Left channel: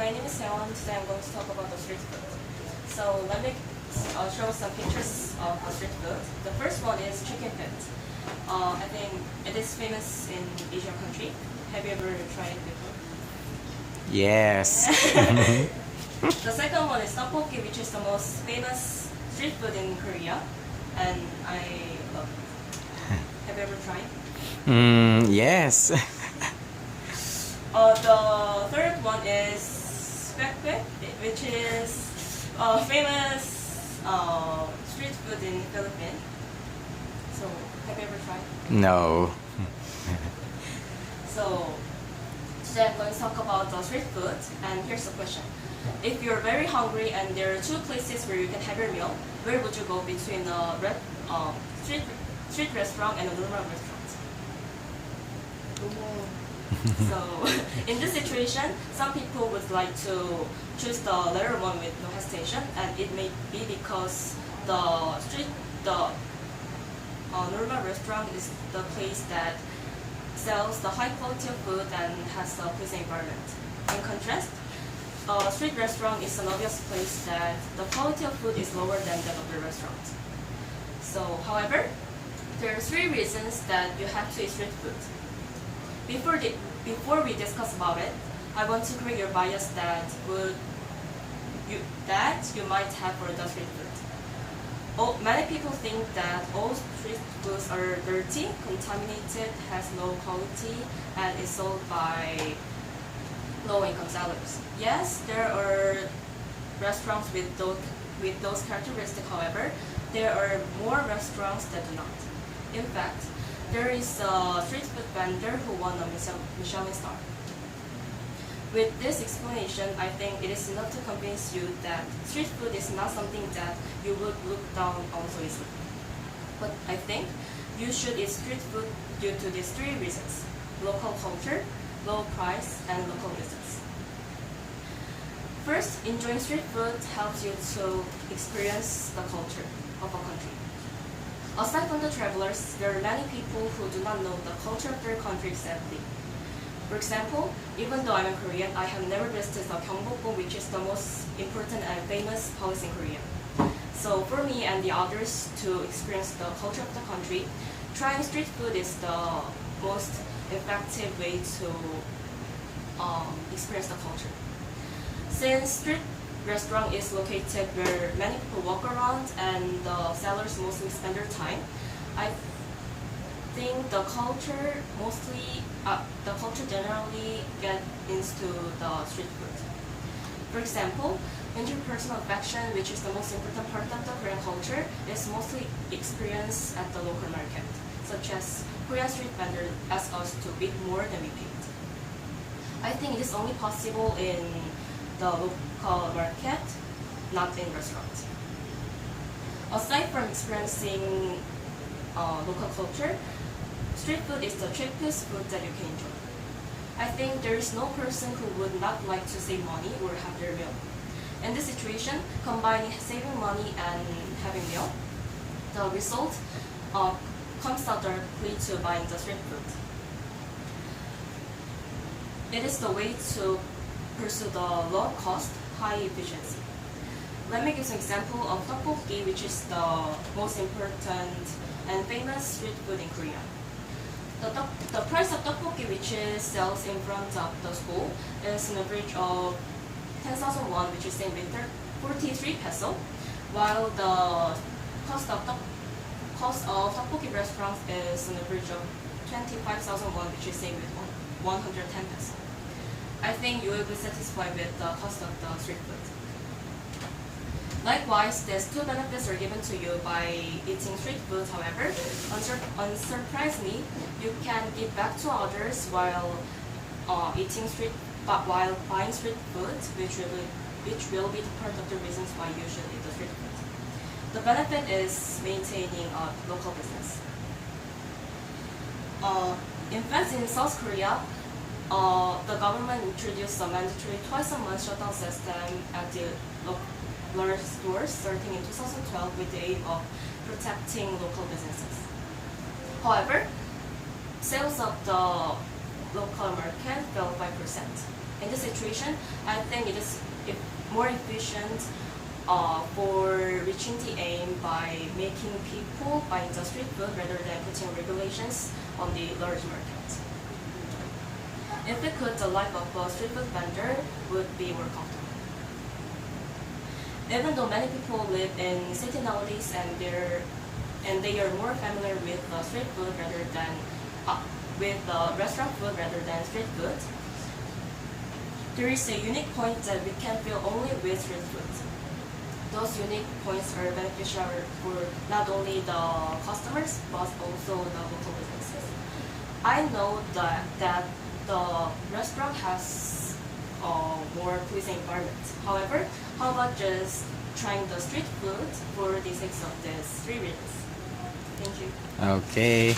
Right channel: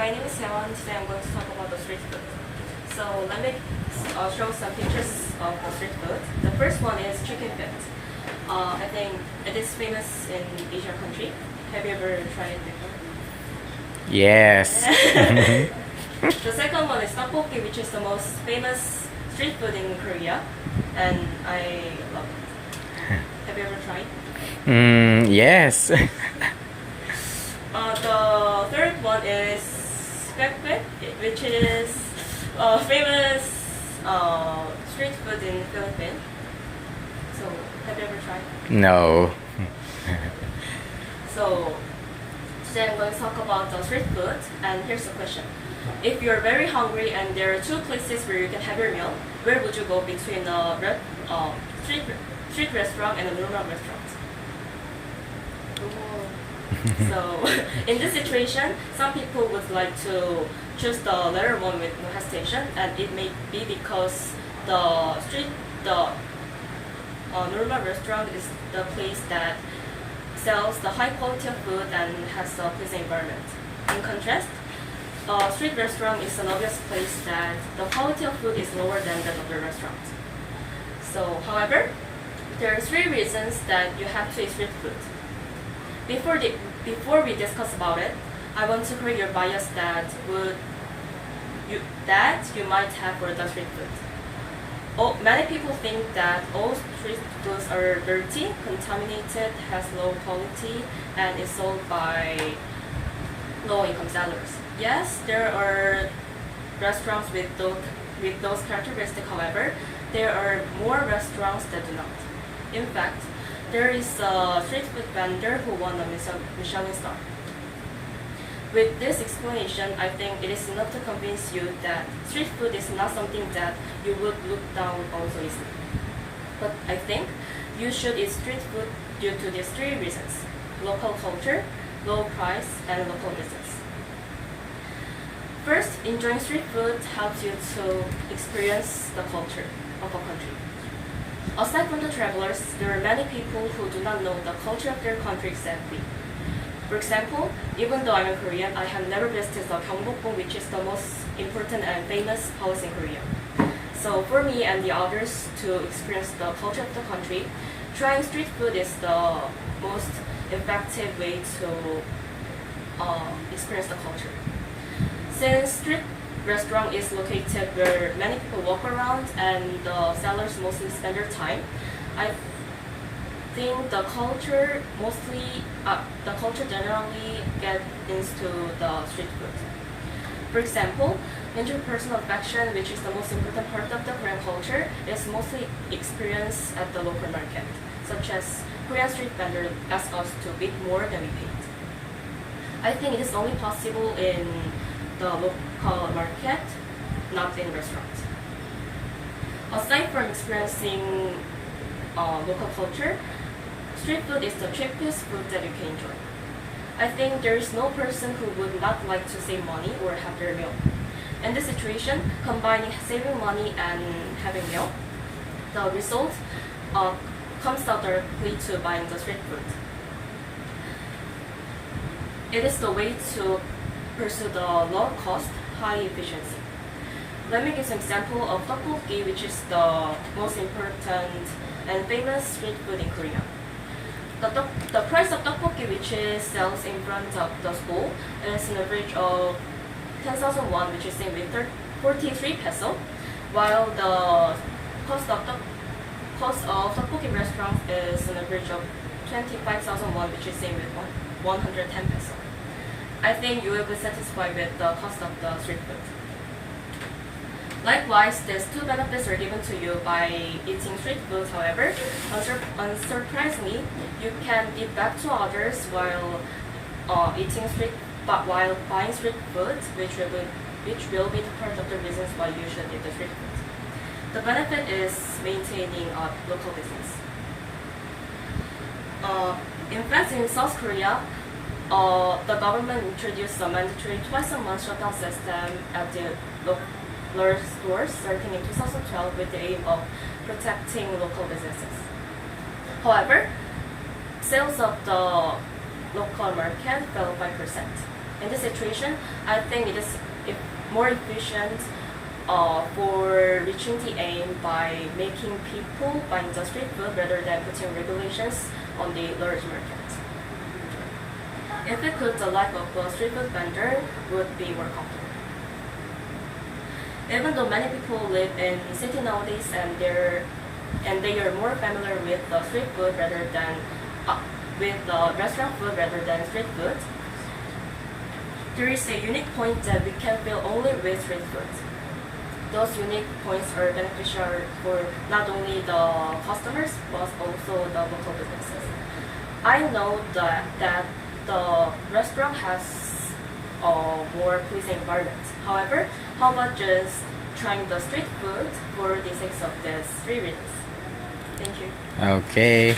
my name is Hye Won. Today I'm going to talk about the street food. So let me show some pictures of the street food. The first one is chicken feet. I think it is famous in Asian country. Have you ever tried it before? Yes. The second one is tteokbokki, which is the most famous street food in Korea, and I love it. Have you ever tried? Yes. The third one is kwek, which is famous street food in Philippines. So, have you ever tried? No. So, today I'm going to talk about the street food, and here's the question. If you're very hungry and there are two places where you can have your meal, where would you go between a street restaurant and a normal restaurant? So, in this situation, some people would like to choose the latter one with no hesitation, and it may be because the normal restaurant is the place that sells the high quality of food and has a pleasant environment. In contrast, a street restaurant is an obvious place that the quality of food is lower than that of the restaurant. So, however, there are three reasons that you have to eat street food. Before we discuss about it, I want to correct your bias that you might have for the street food. Many people think that all street foods are dirty, contaminated, has low quality, and is sold by low-income sellers. Yes, there are restaurants with those characteristics. However, there are more restaurants that do not. In fact, there is a street food vendor who won a Michelin star. With this explanation, I think it is enough to convince you that street food is not something that you would look down on so easily. But I think you should eat street food due to these three reasons: local culture, low price, and local business. First, enjoying street food helps you to experience the culture of a country. Aside from the travelers, there are many people who do not know the culture of their country exactly. For example, even though I'm a Korean, I have never visited the Gyeongbokgung, which is the most important and famous palace in Korea. So for me and the others to experience the culture of the country, trying street food is the most effective way to experience the culture. Since street restaurant is located where many people walk around and the sellers mostly spend their time, I think the culture generally get into the street food. For example, interpersonal affection, which is the most important part of the Korean culture, is mostly experienced at the local market, such as Korean street vendors ask us to bid more than we paid. I think it is only possible in the local market, not in restaurants. Aside from experiencing local culture, street food is the cheapest food that you can enjoy. I think there is no person who would not like to save money or have their meal. In this situation, combining saving money and having meal, the result comes out directly to buying the street food. It is the way to pursue the low cost, high efficiency. Let me give some example of tteokbokki, which is the most important and famous street food in Korea. The price of tteokbokki, which is sells in front of the school, is an average of 10,000 won, which is same with 43 peso, while the cost of tteokbokki restaurants is an average of 25,000 won, which is same with 110 peso. I think you will be satisfied with the cost of the street food. Likewise, these two benefits are given to you by eating street food. However, unsurprisingly, you can give back to others while while buying street food, which will be the part of the reasons why you should eat the street food. The benefit is maintaining a local business. In fact, in South Korea, the government introduced a mandatory twice-a-month shutdown system at the local stores starting in 2012 with the aim of protecting local businesses. However, sales of the local market fell 5%. In this situation, I think it is more efficient for reaching the aim by making people buying the street food rather than putting regulations on the large market. If we could, the life of a street food vendor would be more comfortable. Even though many people live in city nowadays and they are more familiar with the street food rather than with the restaurant food rather than street food, there is a unique point that we can feel only with street food. Those unique points are beneficial for not only the customers but also the local businesses. I know that the restaurant has a more pleasing environment. However, how about just trying the street food for the sake of these 3 reasons? Thank you. Okay.